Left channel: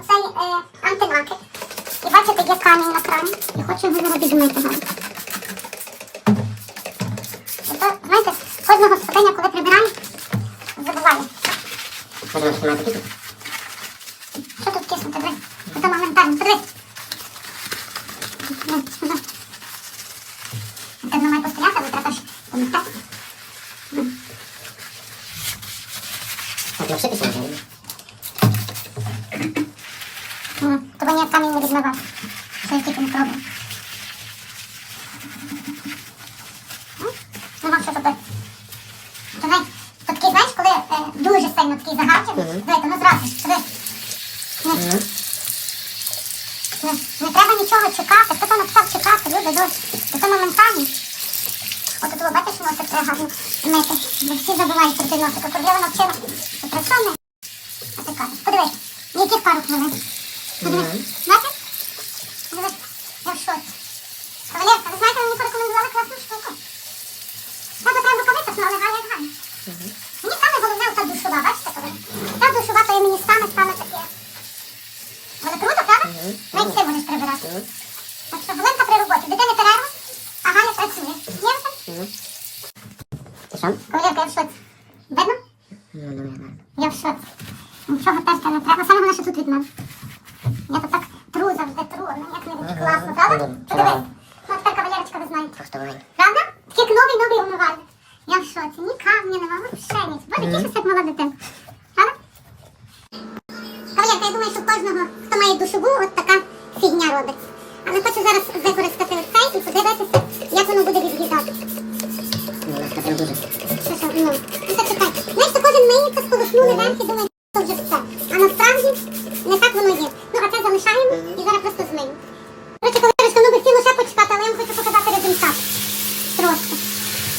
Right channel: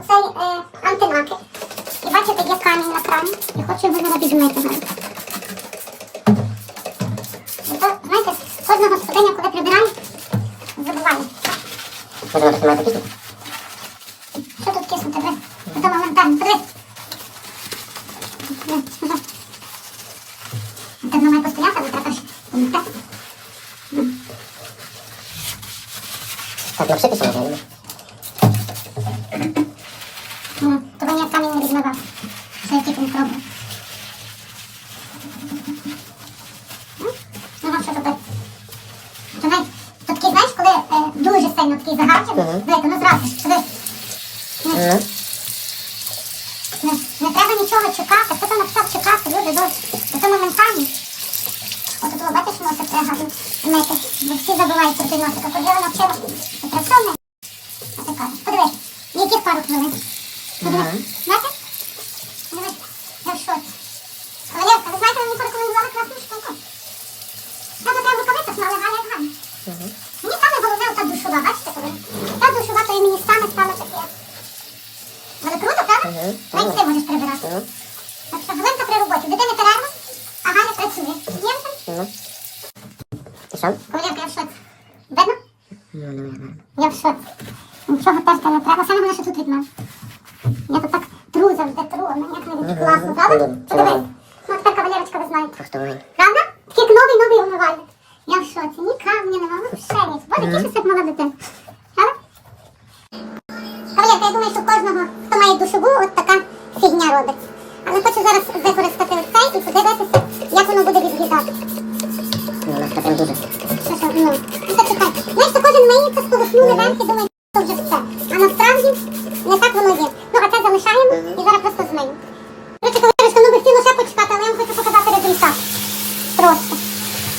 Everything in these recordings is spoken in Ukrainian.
оцей е, антинакид. І бачите, є камінь на крані. І хочу його зараз відмити то, знаєте, кожна господиня, коли прибирає, забуває. Що тут киснути? Диви. Це моментально. Подивись. Диви, сюди. Це воно має постояти, але треба ж помити. Так, вообще писано, правильно? Камінь не відмивав. Що я тільки не Нема що робити. То знаєш, то такий, знаєш, коли е, дуже сильно такий диви, то ну зразу, подивись. Ну, Мгм. Не, не треба нічого чекати. Хто там написав чекати, люди добре. Це моментально. От тут що носик треба гарно мити. Бо всі забувають про той носик. А коли навчила, то працює. Подивись, ніяких пару хвилин. Бачиш? Подивись, я в шоці. Кавалерка, ви знаєте, мені порекомендували класну штуку. Та треба рукавицях, ну, але Галя як Мгм. Мені саме головне ота душова, бачите, коли? Та душова, то і мені саме саме таке. Але круто, правда? Мгм. Навіть ти можеш прибирати. Так що Галинка при роботі. Дитини перерва, а Галя працює. Є там? Мгм. І сам? Кавалерка, я в шоці. Видно? Я в шоці. Нічого терти не треба. Саме головне, що тут від мене. Я тут так тру завжди тру, а мені як навіть класно, правда? Подивись. Ну, тепер кавалерочка, ви знаєте. Правда? Тільки новий новий умивальник. Я в шоці. Ні камня нема, ну ще ніч. Боже, тішуся, як мала дитина. Правда? Кавалерка, я думаю, що кожного, хто має душову, от така фігня робить. Але хочу зараз використати цей і подивитися, як воно буде відглядати. Ну, Вона така дуже. Що, що, ну, ну, чекай. Знаєш, то кожен миється, сполоснули верх і думає, що вже все. А насправді не так воно є. Ну, а це залишаємо і зараз просто змиємо. Коротше, кавалерочка, ну би хотіло ще почекати, але я вам хочу показати результат. Просто.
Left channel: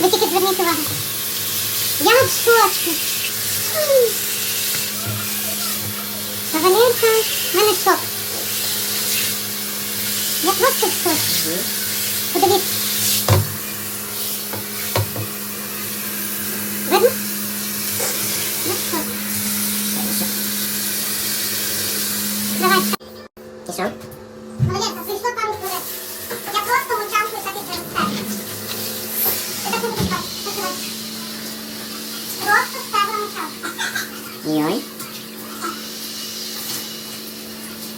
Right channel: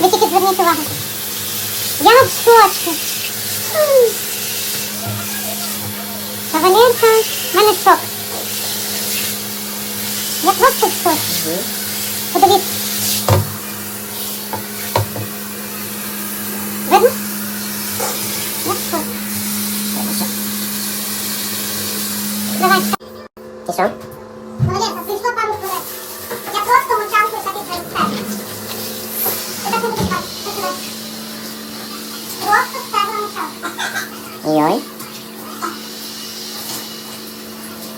Ви тільки зверніть увагу. М. Кавалерка, в мене шок. Я просто. Мгм. Подивіться. Видно? Я в шоці. Давай. І що? Молодець, прийшло пару хвилин. Я просто мовчанку так і через це. Ти так не будеш бачити. Починай. Просто ставила мовчанку. Йой.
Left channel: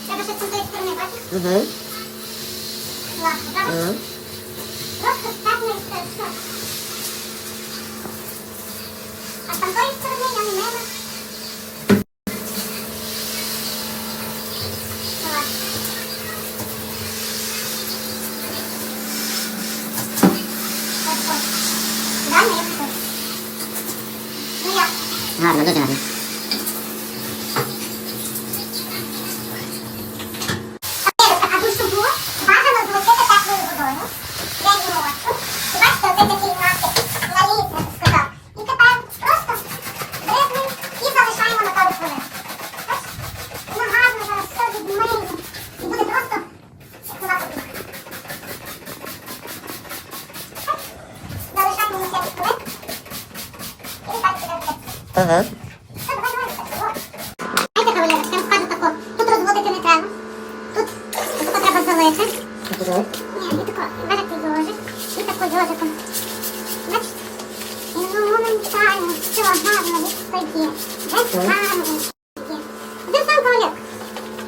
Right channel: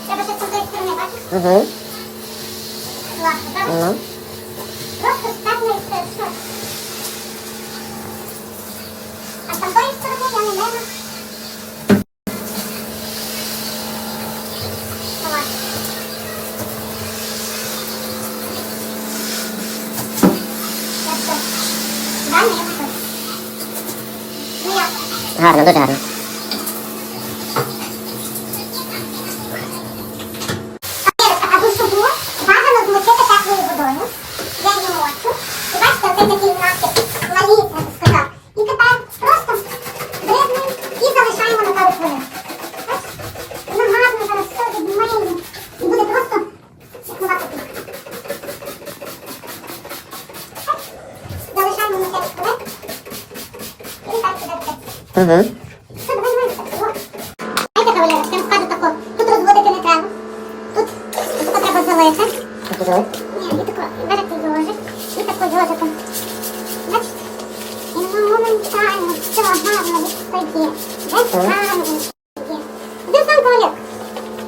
Треба ще з цієї сторони, бачиш? Угу. Ну. Просто ставила і все, все. А з тамтої сторони я не мила. Давай. Я все. Реально, я все. Ну як? Гарно, дуже гарно. А душову бажано змочити теплою водою, день ночі. І бачите, оце такий накид, наліт, я би сказав. І тепер просто бризнемо і залишаємо на пару хвилин. Бачите? Воно гарно зараз все відмиємо. І буде просто чекувати тут. Залишаємо на 5 хвилин. І так буде все. Угу. Знаєте, кавалерочка, я вам скажу тако, тут розводити не треба. Тут тако треба залити. Так уже? Ні, і тако, берете йожик, і тако йожиком. Бачите? І моментально, все гарно відстає. Весь гарно відстає. Один сам кавалерка.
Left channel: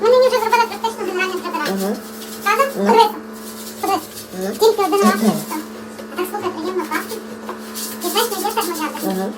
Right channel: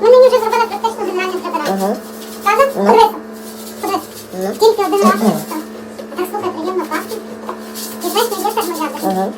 Ми мені вже зробили практично генеральне прибирання. Угу. Правда? Ну. Подивися. Подивися. Ну. Тільки один раз так, слухай, приємно пахне. І знаєш, не є термоядер. Угу.